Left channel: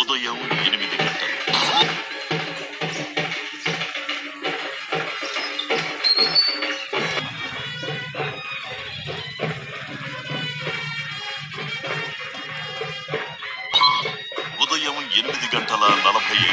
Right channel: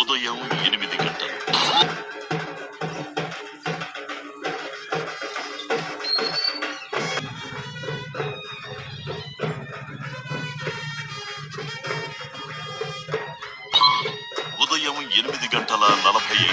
ఉదయం 8 గంటలు. ఉదయం 8:45.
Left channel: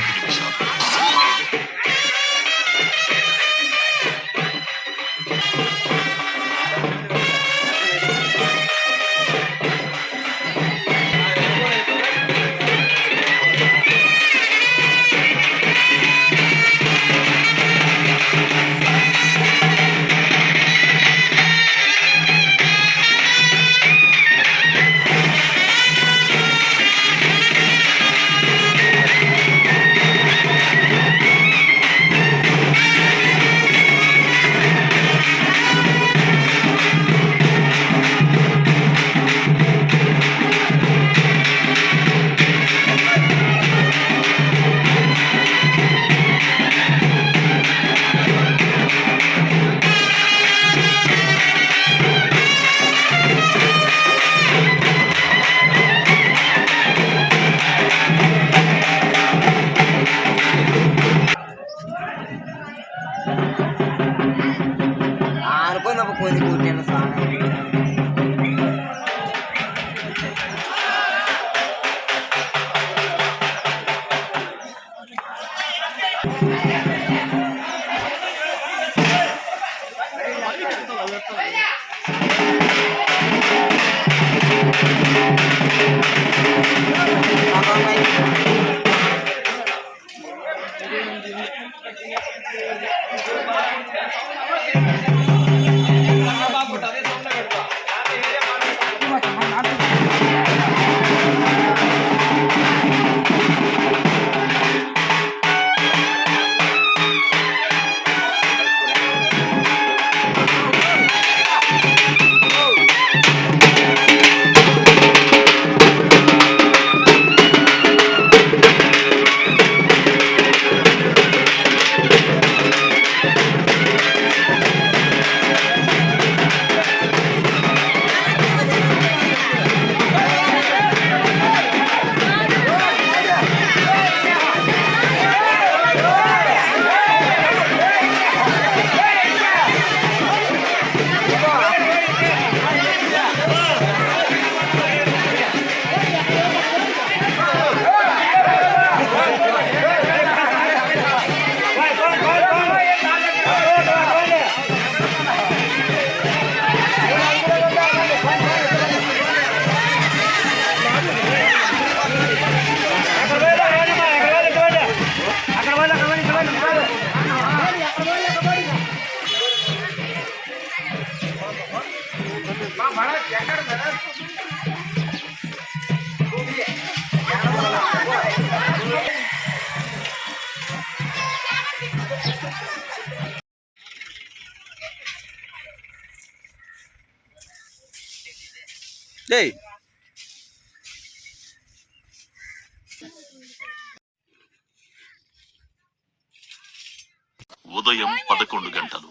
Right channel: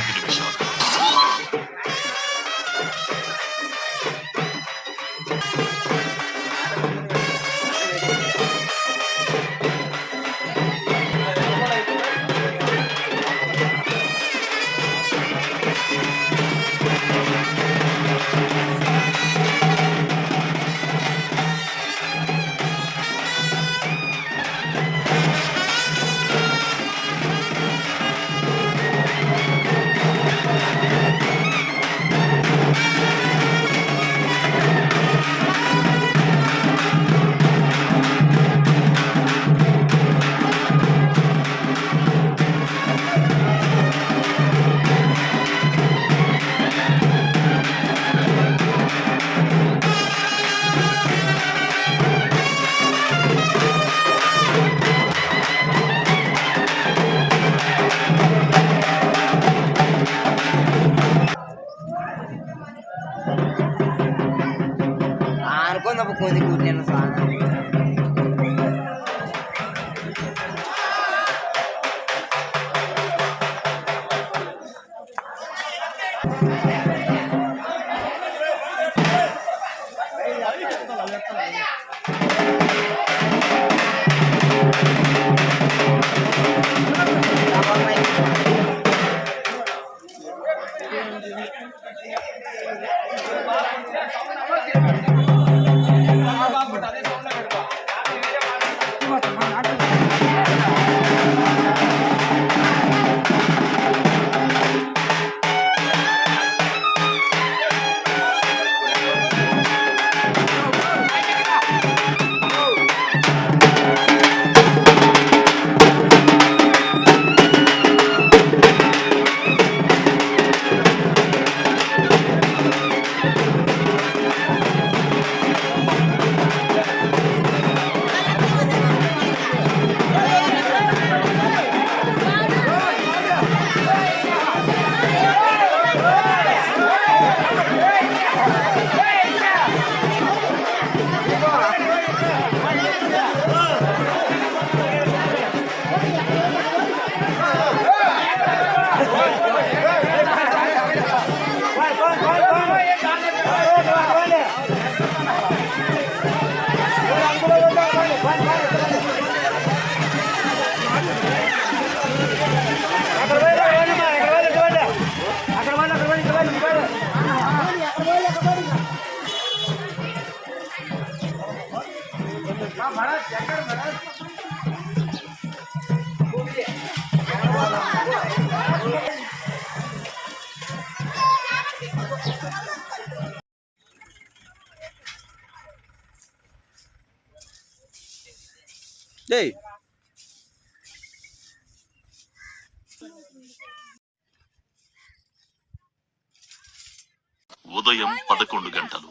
ఉదయం 11 గంటలు.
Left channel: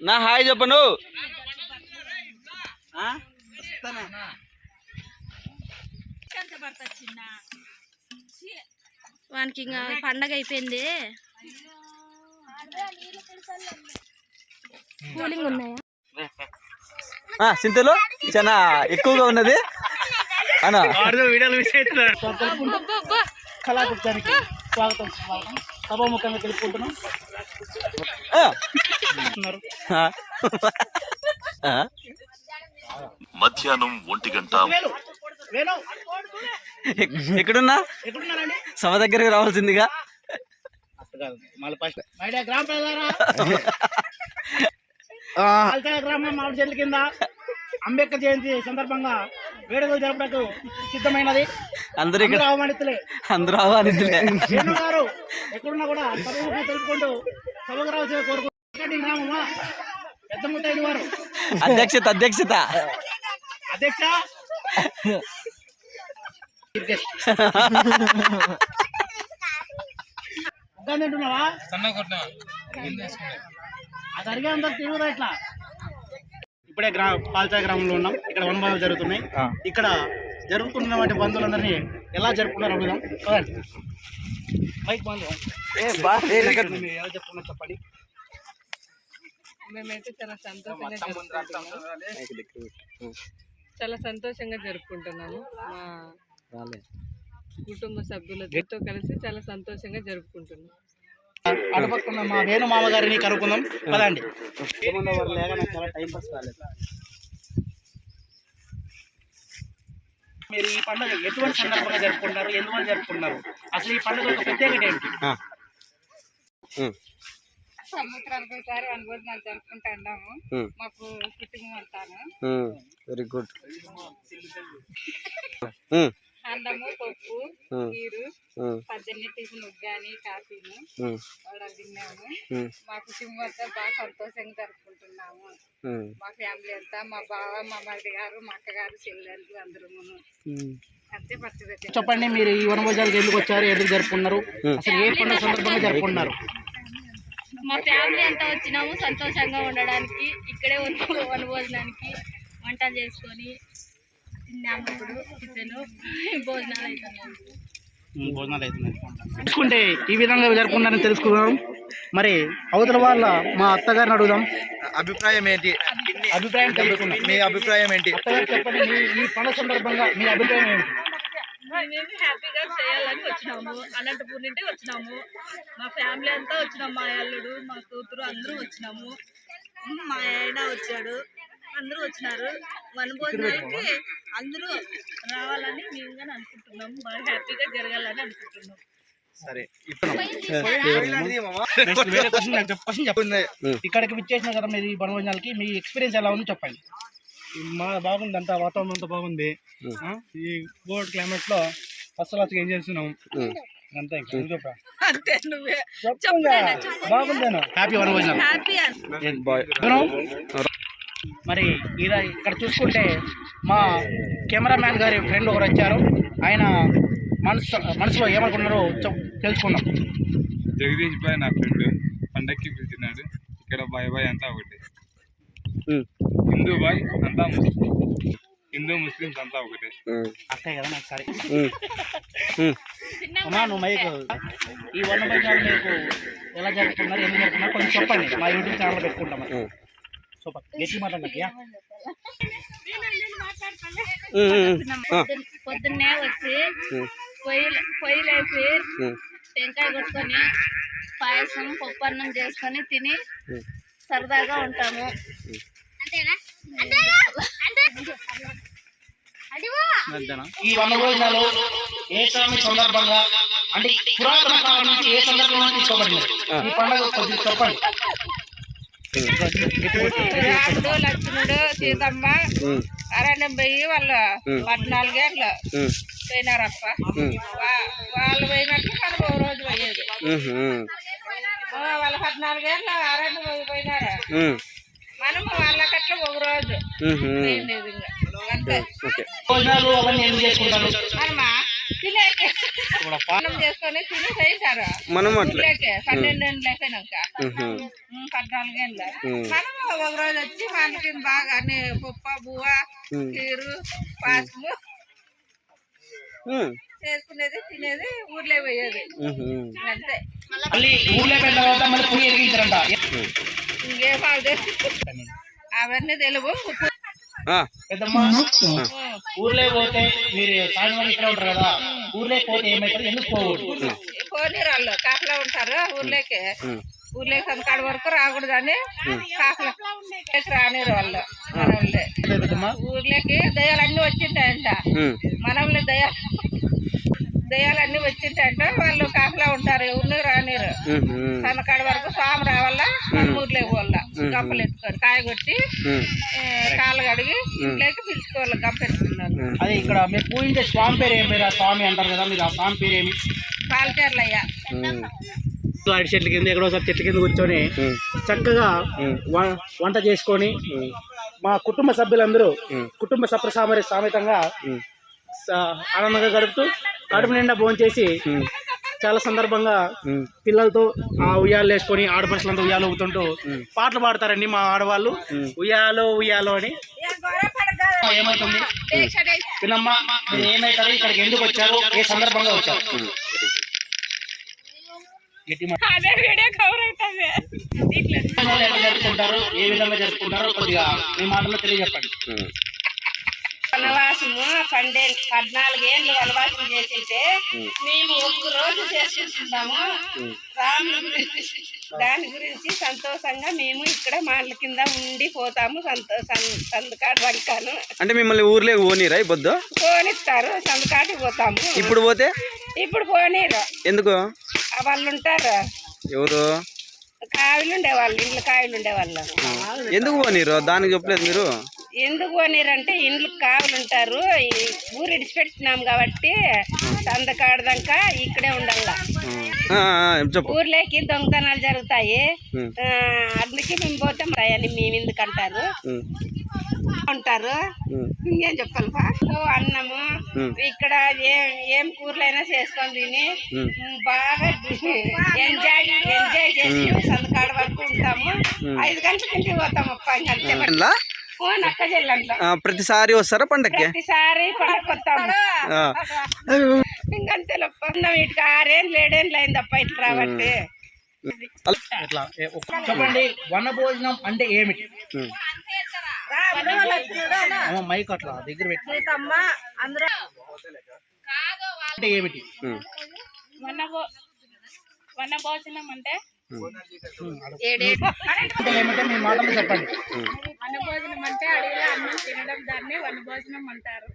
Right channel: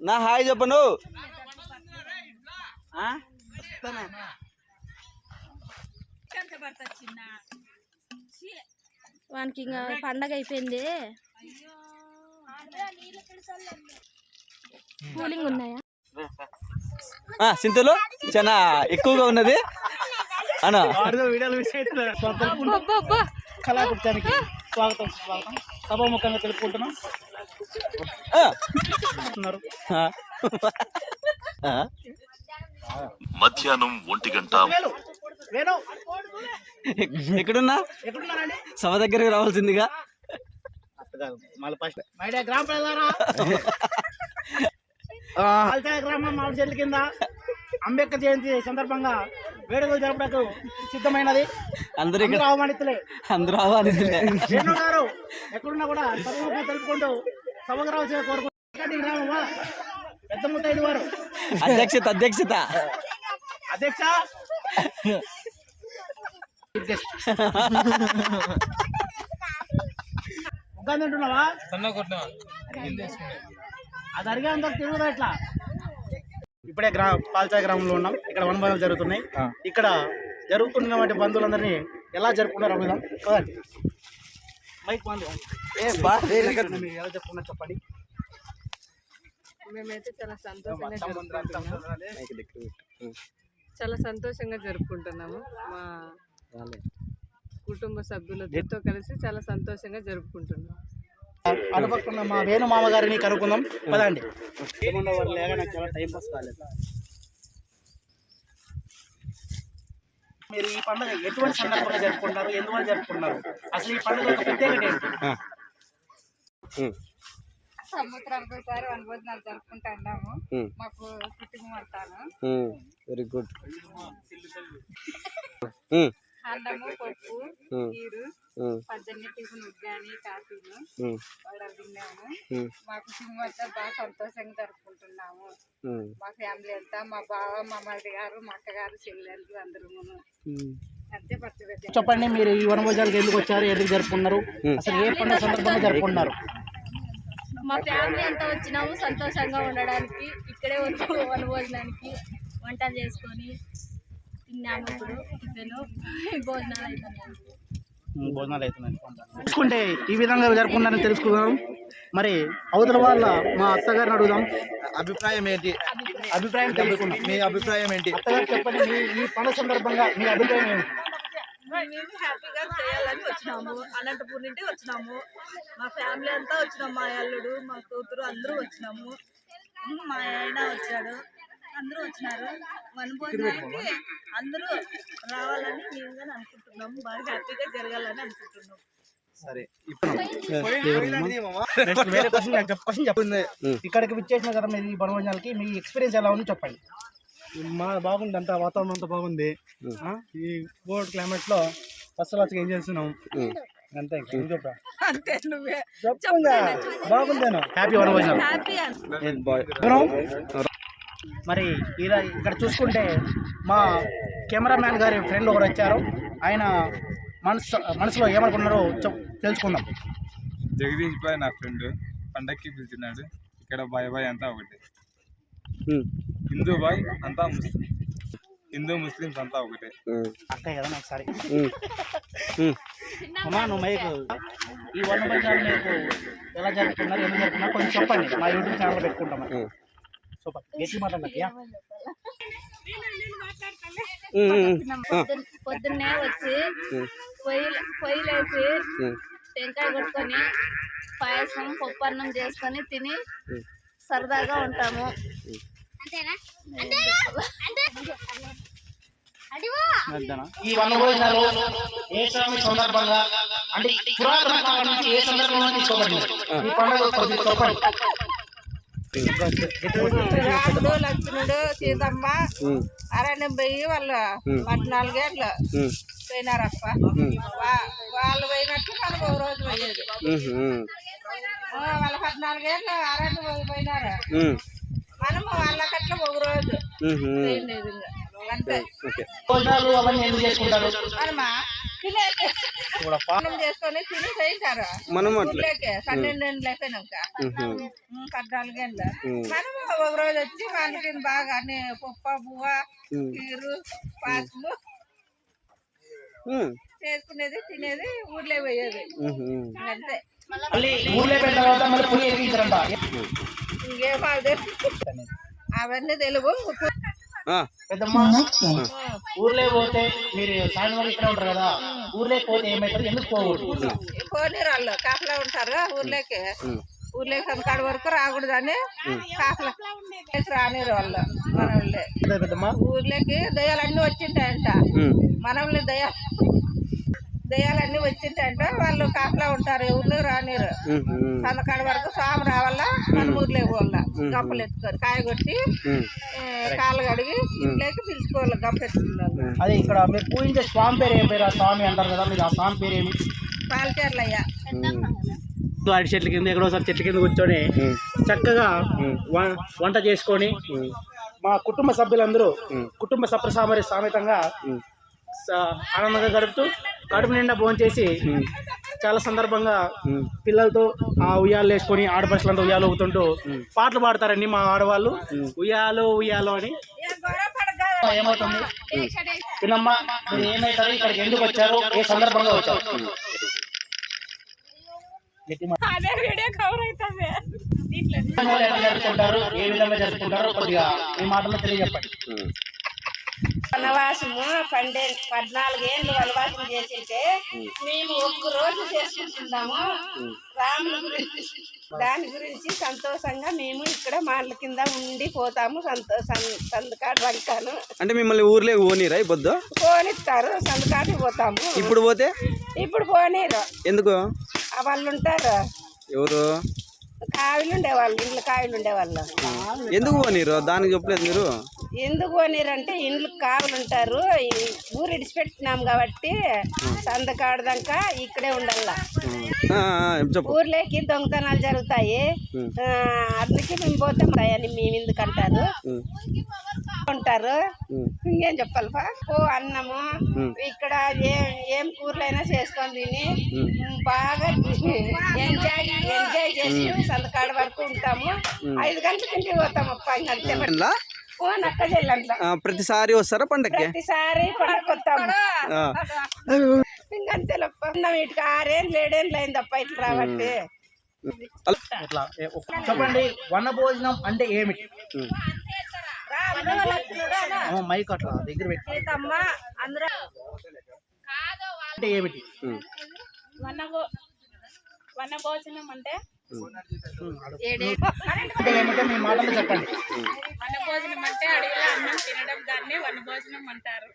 నా హాయ్ చెప్పను. వానికి ఇంకా పండగ అయిపోయింది. కూలింగ్ ఉన్నాయా సింతలు చాలా ఎక్కువగా ఉన్నది అన్న. కళాకృత్యానికి స్వాగతం స్వాగతం సభాముఖంగా తెలుపుకుంటున్నాం. మధ్యాహ్నం 1 గంట. ఎక్కడున్నా సభ దగ్గరికి రావాల్సిందిగా. గ్రామం మామిడి చెట్ల కింద అంబేద్కర్ జయంతి సందర్భంగా వేడుకలు జరపడానికి సిద్ధమైనది. అందరూ ఆహ్వానితులే. వేణు గారు ఎక్కడున్నా కూడా సభముఖంగా తెలుపుకుంటూ సభకు రావాల్సిన కోరుకుంటున్నాం. గ్రామమా పెద్ద ముత్తైదు వారు అధ్యక్షత అధ్యక్ష ఇంకా తింటున్నావా? అది అడిగే అందరు తిరుగుదా ఇట్లా. ఇప్పుడే పాల్చాయి గ్రామంలో ఉన్నాం. ఇక్కడ వనభోజనాలు జరుగుతున్నాయి. ఇక్కడ జరుగుతున్నటువంటి బంధువులందరినీ ఎలా జరుపుకున్నారు అడుగుదాం. కదండి మైక్ బంధు మీరు ఎలా జరుపుకున్నారు చెప్పండి. మేమైతే చాలా సంతోషంగా జరుపుకుంటున్నాము. చాలా సంతోషంగా జరుపుకుంటున్నాము. మా కుటుంబ సభ్యులతో కలిసి చాలా సంతోషంగా జరుపుకుంటున్నాం. అటుపక్కన మా వేణు మామ గారిని కనుక్కుందాం పదండి. మీరు ఈ పండుగ ఎటువంటి సందర్భంగా జరుపుకుంటారు, ఎందువల్ల జరుపుకుంటారు, అసలు ఈ పండుగ ఒక ప్రత్యేకత ఏంటి? సంవత్సరానికి ఒకసారి వనభోజనాలు జరుపుకుంటున్నాము. మాకు కుటుంబం అంతాను. Very good. అన్నము, పప్పు, నీరు, పద్దెనిమిది టిఫిన్, ఉగ్గాని, కాఫీను కూడా తిన్నాము. మా కుటుంబం అంతా బాగా సంతోషంగా జరుపుకుంటున్నాము. మా ఫ్యామిలీ అంతా, మా బావ, మా మరిది గారు, మా అక్కగారు, చెల్లెళ్ళు అందరూ అంతే. పచ్చడి చెప్పండి, మీరు ఈ వనభోజనాలకు ఎందుకు వచ్చారు, ఎందుకు జరుపుకున్నారు, అసలు ఏ పండుగ సందర్భంగా జరుపుకున్నారు? మా ఫ్యామిలీ అంతా వచ్చినాము సంతోషంగా ఉండడానికి. ఇక్కడే వనభోజనానికి వంటలు చేసుకొని తిన్నాము. ఇప్పుడు టిఫిన్ భోజనాలు అవుతున్నాయి. చూసుకుంటే ఈ విధంగా జరుపుకున్నారని తెలుసుకుందాం. మరి అవతల వాళ్ళ మా అత్తగారిని అడుగుదాం. అభిప్రాయం ఏంటి? అభిప్రాయం తెలుసుకుందాం. మీ అభిప్రాయం ఏంటి? అత్తగారు చెప్పండి, ఈ పండుగ సందర్భంగా మీ అభిప్రాయం ఏంటి? మేము హ్యాపీగా చేయాలని వచ్చినాము. అనంతపూర్ నుండి వచ్చినాము. మా ఫ్యామిలీ అంతా వచ్చినాము. మా అల్లుడు, మా కూతురు అందరూ వచ్చినాము. మా ఆయన వచ్చాడు, అందరూ వచ్చినారు. వనభోజనానికి అందరూ రావాలని మేము కానీ అనుకుంటున్నాము. బాగా హ్యాపీగా జరగాలని అనుకుంటున్నాం. సరే, ఇక్కడికి విచ్చేసిన కదా మీరు ఈ వనభోజనాలకి, మీ ఎక్స్పీరియన్స్ ఎలా ఉంది చెప్పండి. మా బాగుంది, అంతా వాతావరణం అంతా బాగుంది. ఈ కోల్డ్ క్లైమేట్ లో ఫస్ట్ క్లాస్ ఎంజాయ్ చేస్తున్నాం అంతే. ఇంకా నువ్వు చెప్పరా? అంతే, నువ్వే బాగుందేనా? హ్యాపీ వనభోజనాలు. మరి ఇక్కడ చూసుకుంటే మా కెమెరామ్యాన్ గారి ఫ్రెండ్ ఒకరు వచ్చారు. ఆయన మనసులో ఏమనుకున్నారో తెలుసుకుందాం. జగదీష్ బాయ్ నా ఫ్రెండ్ పండక్కి పిలిచినాడు. ఇక్కడ బాయ్ బాయ్ అంతా ఒకటి. హిందూ బాయ్ అంతా ముస్లిం, హిందూ ముస్లిమ్స్ అంతా ఒకటే. అంతే కదా. నాకు సరే అమ్మా, నువ్వు మైకు ఈ వనభోజనాలు మీకు ఎలా జరుపుకున్నారు, ఎందుకు జరుపుకున్నారు కొంచెం చెప్పండి. మా యూట్యూబ్ ఛానల్ పెట్టుకుంటాం. సూపర్, గట్టి మాట్లాడయ్యా. పొద్దున్నే వచ్చి పొయ్యిలేసి టెంకాయ కొట్టుకొని పాయసం, పప్పన్నం చేసుకొని తిని సరదాగా ఉంటాము. ఈ వనభోజనాలు ఏ స్వామి సందర్భంగా, అంటే పురాతన కాలం నుంచి ఏ సందర్భంగా తీసుకోబడింది ఈ పండుగ కొద్దిగా చెప్పండి. రాముడు, లక్ష్మణుడు, సీతమ్మ అరణ్యం పోయి వాళ్ళు 14 ఏళ్ళు పోయినారప్ప. వాళ్ళు పోయినట్లు మనం ఒక రోజు పోయేది. వాళ్ళు 14 ఏళ్ళు అరణ్యం పోయినారు. మనం వాళ్ళకట్లా ఒక రోజు భోజనాలు అవన్నీ ఎందుకు చేసుకుంటారు? మనమా తినేకి చేసుకొని తిని చేయించారు. మనం 12 ఏళ్ళు అయిపోయినాక 14 ఏళ్ళు మనం ఒక రోజు వచ్చి మనకి బాగా అన్ని పప్పు, బువ్వ, కీరు, పాసము చేసుకునేది, తినేది, ఊర్లో పోయేది అంతే. మళ్ళీ ఊర్లో పెట్టిన తర్వాత మళ్ళీ పొయ్యి ఎరిగించారంట. ఇంకేం అవన్నీ తెలుగు. పెద్దమ్మ, ఊర్లో పోతే మీరు సాయంత్రం ఇక్కడ ఉంటారు కదా, ఊర్లో పోతే ఏమవుతారు, ఎందుకు పోకూడదు? పోనీరు వాళ్ళు కాపలా ఉంటారు. ఊర్లోకి సంకాడ వరకు రాకూడదని కాపలా రానిరు వాళ్ళు. మనల్ని ఊర్లోకి దయ్యాలన్నీ వచ్చింటాయంట. మనల్ని దయ్యాలన్నీ వచ్చింటాయంట. వాళ్ళు కాపలా ఉంటారు, ఊర్లో రానిరు. సంకాడ వరకు స్వామి రావాలా, మన ఊర్లో పోవాల. గంపలు ఎత్తుకొని కాయ కొట్టి కాళ్ళు కడిగి ఇంట్లోకి పిలుచుకోవాలి. గంప ఎత్తుకున్నారు. అదే ఇక్కడ మీరు పూజించే స్వామి పేరు ఏం పేరు? ఆ స్వామి అంటారు కదా, మీరు ఆ స్వామి పేరు ఏమి? పాలచేర్లయ్యా. అరటి చెట్ల కింద ఎక్కడోసారి చెట్ల కింద కూర్చొని చక్కగా వంట చేసుకొని మా కుటుంబ సభ్యులందరూ కుటుంబ సప్రసామరి సామెతంగా ఆనందంగా గడుపుతూ కడుపు నిండా భోంచేసి చాలా సందర్భంగా పిల్లలతో ఆ ఉయ్యాలు వేసుకొని ఆడపడుచులంతా ఉయ్యాలు ఊగుతుంటూ పాటలు పాడతారండి మా ఆడవాళ్ళు. ఉయ్యాలో ఉయ్యాలో అని. ఏమవుతుంది పిన్నమ్మ, మీరు ఏమవుతారు, ఇక్కడికి ఎందుకు వచ్చారు, ఏ సందర్భంగా వచ్చారు? జరుపుకుంటారు, ఏ విధంగా జరుపుకుంటారో కొద్దిగా మీ మాటలో తెలియజెప్పండి. వనవాసము 14 ఏళ్ళు వనవాసం చేసింటే మేము ఒక్క రోజు చేసుకుంటున్నాము. రాముల గురించి దాని గురించి సంతోషంగా మేము ఇక్కడ మాటల కింద ఉండి పోతాము. సందుకాటు రంకాను అంటే మిమ్మల్ని ఊర్లే పోనీరా ఈ పొద్దు? పోనిస్తారు, సందుకాటికి పోతాము. ఇప్పుడు పోతే ఇప్పుడు పోనీరు. ఎందుకు? వాళ్ళు ఉంటారు, ఎవరు? కాయలు ఉండేవాళ్ళు, ఇంట్లో కాయలు ఉండేవాళ్ళు. ఎందుకు పోనీరు? దానికి చెప్పలేదు మీరు? ఎందుకు పోనీరంటే ఇండ్లు కావలు ఉంటారు, ఈ ఊరు ఇడిచిపెట్టినాం కాబట్టి సందకాడదాకా ఇక్కడే ఉండాల. ఊర్లోకి దొంగతనాలు జరుగుతాయి, అందుకే మేము పోతాం రాయని మేము ఎందుకంటారు ఉంటారు. ఇంకేం చెప్పాలి ఓ అన్నము ఇక్కడ ఏం కూరలైనా చేసుకొని తిని బాగా ఎంజాయ్ చేసి సందకాడ వరకు ఉంటాము. 5 గంటలకి ఇంటికి పోతాం అప్ప. నక్క చెల్లంట్లో ప్రతిసారి వస్తారా పండక్కి? ప్రతిసారి పండగ వస్తాము. ఇంకంతేలప్ప వీటికి 6 ఏళ్ళు 7 ఏళ్ళు అయింది అప్ప ఇట్లా రాబట్టి. ఎట్లా చెప్పండి, వన భోజనం అంటే ఏమిటి? మైక్ అట్లా దగ్గర పెట్టి అంటే ఏమిటి? వన భోజనం అంటే ఏమిటో మీ మాటలు చెప్పండి. వన భోజనం అంటే అడవిలో అన్నం తినడం, దాన్ని వన భోజనం అంటారు.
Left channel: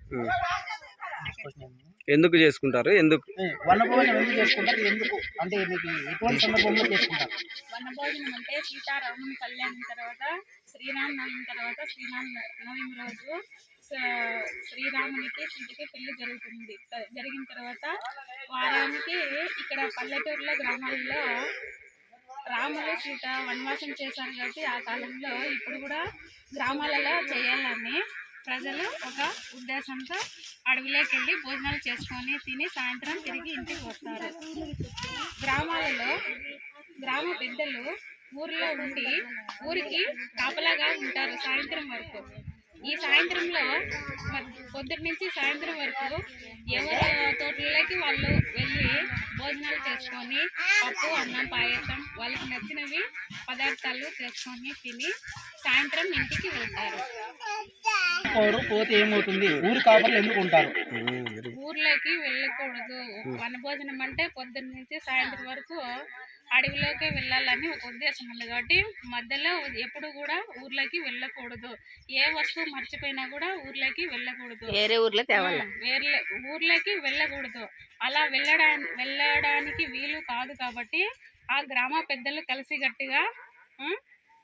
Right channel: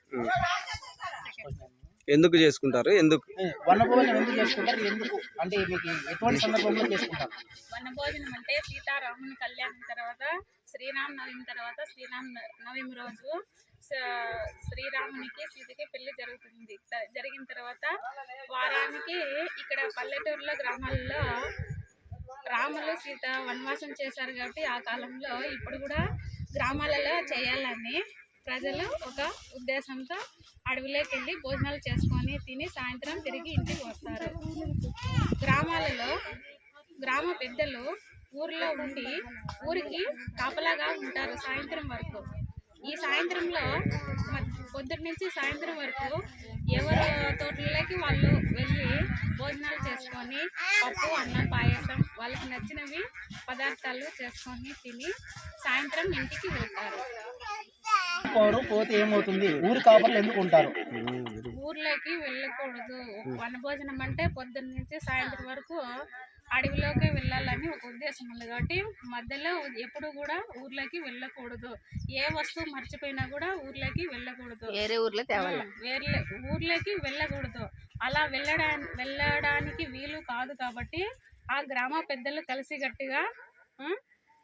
ఎందుకు చేసుకుంటారు? ఎందుకు వన భోజనం ఎందుకు చేసుకుంటారు? ఎందుకు అంటే మీకు ఎటువంటి సందర్భంలో చేసుకుంటారు? వన భోజనం అంటే సీతారాముని కళ్యాణం తర్వాత శ్రీరామ నవమి తర్వాత శ్రీరామ నవమి రోజు శ్రీరామునికి సీతకి పెళ్లి జరుగుతుంది. జరిగిన తర్వాత వారానికి ఇక్కడ పల్లెటూరులో గ్రామాల్లో రాములు సీత వనవాసం చేశారు కాబట్టి ఆ కాలంలో ఇప్పుడు కూడా గ్రామాలలో చేయాలని ప్రజలు ఒక ఉద్దేశంతో అడవిలోకి వెళ్ళి భోజనాలు చేసుకొని తిని సాయంత్రం తిరిగి ఇంటికి వస్తారు. గ్రామాలలో గ్రామ పెద్దలు ఊరిలో ఉండి ఊరికి కాపలాగా ఉంటారు సాయంత్రం వరకు. ఈ సాయంత్రంలో పొద్దున్న నుంచి సాయంత్రం వరకు ఎవరు తోటల్లోకి వాళ్ళు వెళ్ళి భోజనాలు చేసుకొని పప్పు, అన్నం, పాయసం వాళ్ళకి నచ్చినవి పదార్థాలు చేసుకొని తిని సాయంత్రం ఇంటికి వెళ్తారు. పోతే ఏమవుతుంది? ఊరు కాపర్లు ఎందుకు ఉంటారు? ఊర్లోకి వెళ్ళకూడదు. వనభోజనం అంటే పొద్దున్న నుంచి సాయంత్రం వరకు అడవిలోకి వెళ్ళాలని ఒక ఉద్దేశం ఉంది కాబట్టి మధ్యలో ఎప్పుడు కూడా ఊర్లోకి వెళ్ళకూడదు. ఏ వస్తువు మర్చిపోయినా కూడా ఊర్లోకి వెళ్ళకూడదు, వేరే ఊర్లోకి వెళ్ళకూడదు. అలా వెళ్ళడానికి వీలు కాదు కాబట్టి ఆ గ్రామ పెద్దలు కలిసి గట్టిగా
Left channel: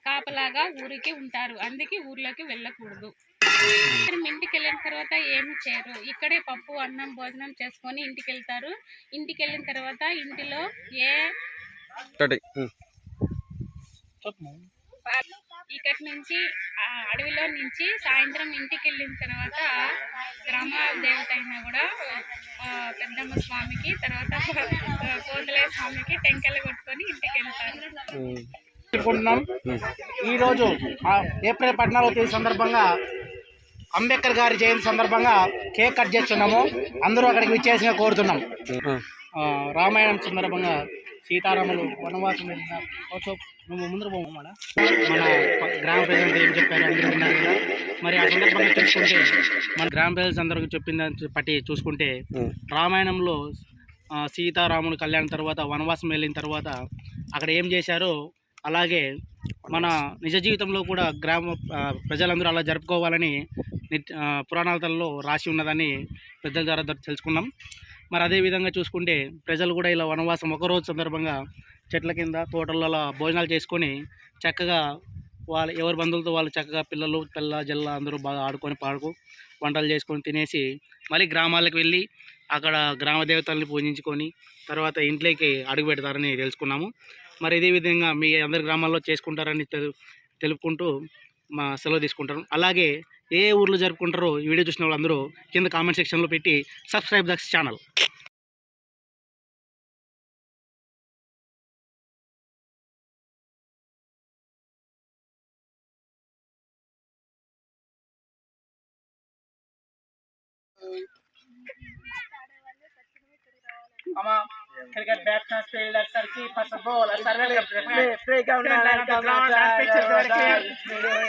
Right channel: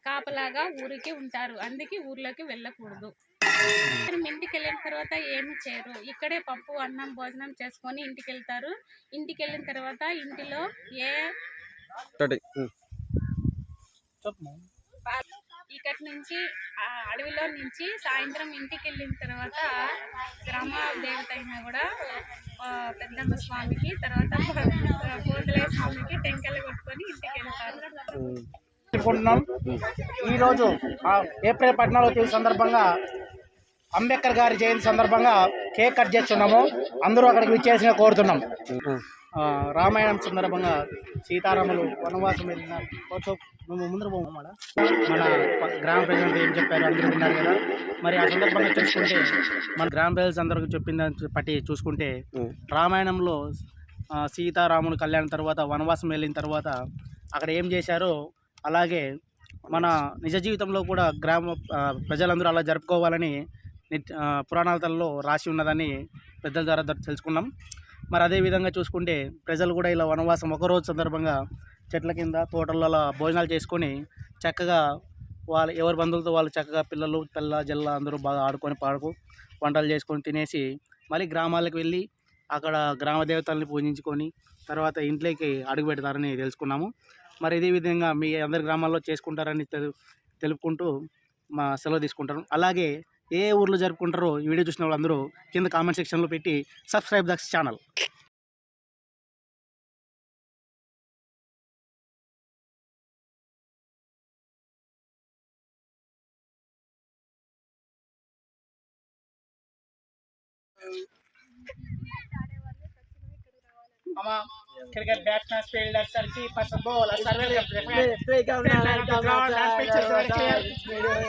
కాపలాగా ఊరికి ఉంటారు. అందుకే ఊర్లోకి వెళ్ళకూడదు. ఇంటికి వెళ్ళిన తర్వాత ఏమి చేయరు, ఇక్కడే పప్పు, అన్నం, భోజనం చేసుకొని ఇంటికి వెళ్తారు. ఇంటికి వెళ్ళిన తర్వాత ఇంటిలో ఇక్కడి నుంచి అడవిలో నుంచి సాయంత్రం ఇంటికి వెళ్ళిన తర్వాత గ్రామ దేవత అయినా కూడా పెద్దమ్మ స్వామికి, తర్వాత పోతులే స్వామికి టెంకాయలు కొట్టుకొని ఇంటికి వెళ్తారు. ఈరోజు ఏప్రిల్ 14వ తేదీ సందర్భంగా అంబేద్కర్ గారి జయంతి సందర్భంగా కేక్ కట్ చేస్తున్నాము. అందరూ అక్కడికి విచ్చేసిన కోరుతున్నాం. రామాయణం సందర్భంగా సీతారాములు వనవాసం వెళ్ళిన మేము ముందర పోము. మన గ్రామ ప్రజలంతా ఏం చెప్పారు అందరూ విన్నారు కదా. మరి ఆ సందర్భంగా చూసుకుంటే మన గ్రామ ప్రజలు అందరూ చెప్పిందని బట్టి చూసుకుంటే రామాయణంలో సీతారాములు కళ్యాణం తర్వాత వనవాసం వెళ్ళిన తర్వాత అక్కడ ఏం చేశారో అలాగే మన నిజ జీవితంలో కూడా గ్రామ ప్రజలందరూ అలా జరుపుకోవాలని పురాణాలలో రాసి ఉన్నదని పెద్దల ద్వారా తెలుసుకున్నాం. మరి అదేవిధంగా చూసుకుంటే ప్రజలు కూడా ఇలా వనవాసం ఒకరోజు సందర్భంగా చెట్ల కింద తోటలలో భోజనాలు చేసుకొని చక్కగా ఎవరి బంధువులతో వాళ్ళు చక్కగా పిల్లలు పిల్ల జల్ల అందరూ బాగా ఆడుకొని పాడుకు వంటలు చేసుకొని తినేసి మళ్ళీ గ్రామాలకు వెళ్ళి అక్కడ గ్రామ దేవతల్ని పూజించుకొని తర్వాత ఇంట్లోకి అడుగు పెడతారని తెలుసుకున్నాము. మరి ఇదే విధంగా మీ అందరి గ్రామాల్లో చేసుకుంటారని తెలుపుకుంటూ మా సెలవు తీసుకుంటాను. అలాగే ఏ ఊర్లో జరుపుకుంటారో ఈ వీడియో చూసిన వాళ్ళందరూ కింద కామెంట్ సెక్షన్లో పెట్టి subscribe the channel. cricket batsmen, fielders, keepers, and bowlers are very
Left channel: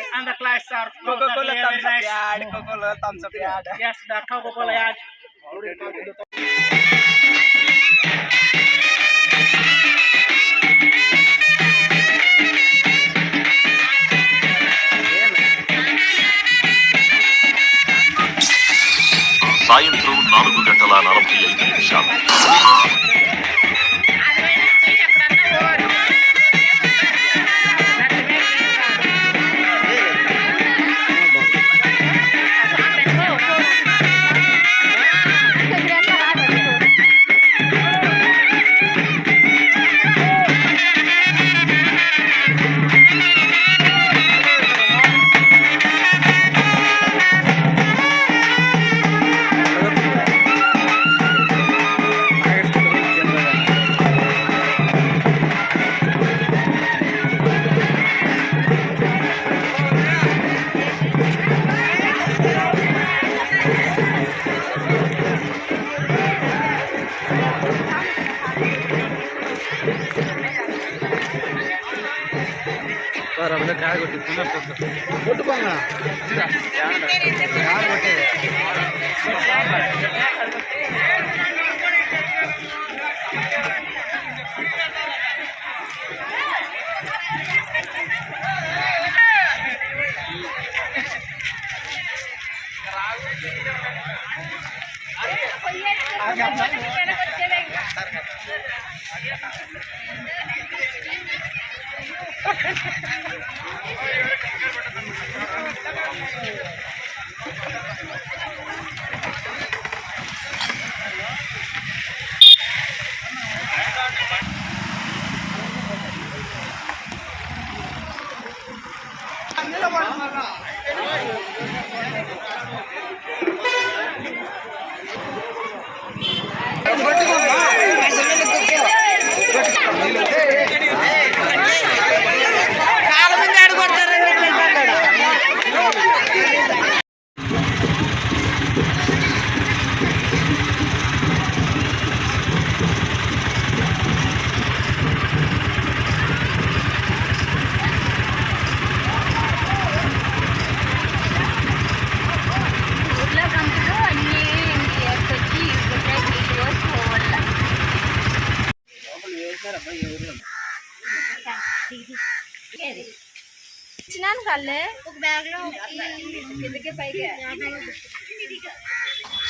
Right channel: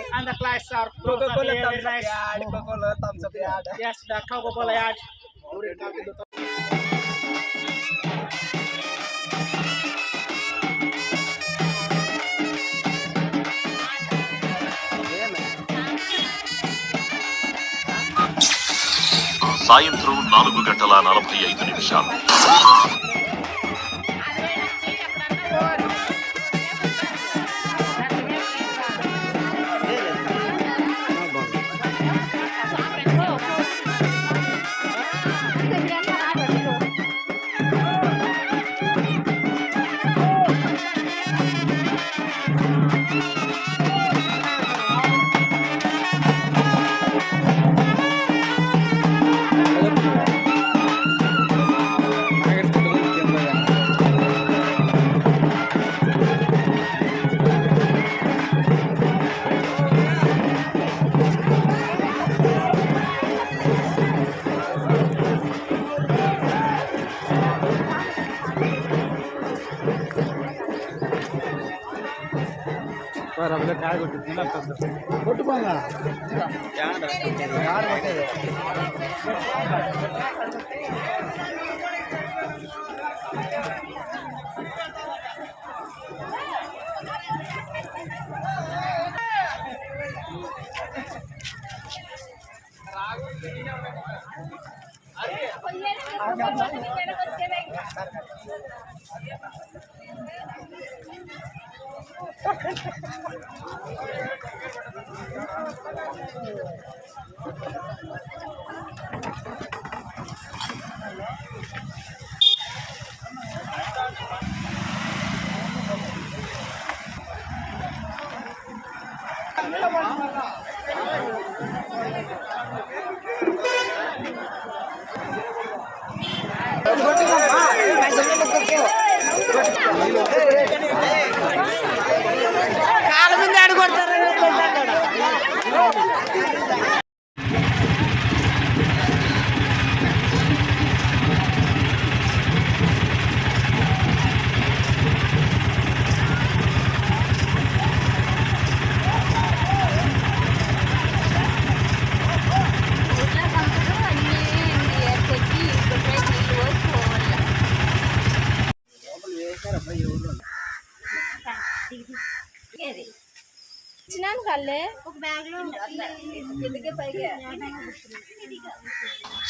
and the clocks are very nice. Yes, the Coca-Cola ad. సాయంత్రం 4:45.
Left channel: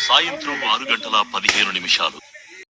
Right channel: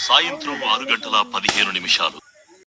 సాయంత్రం 6:15.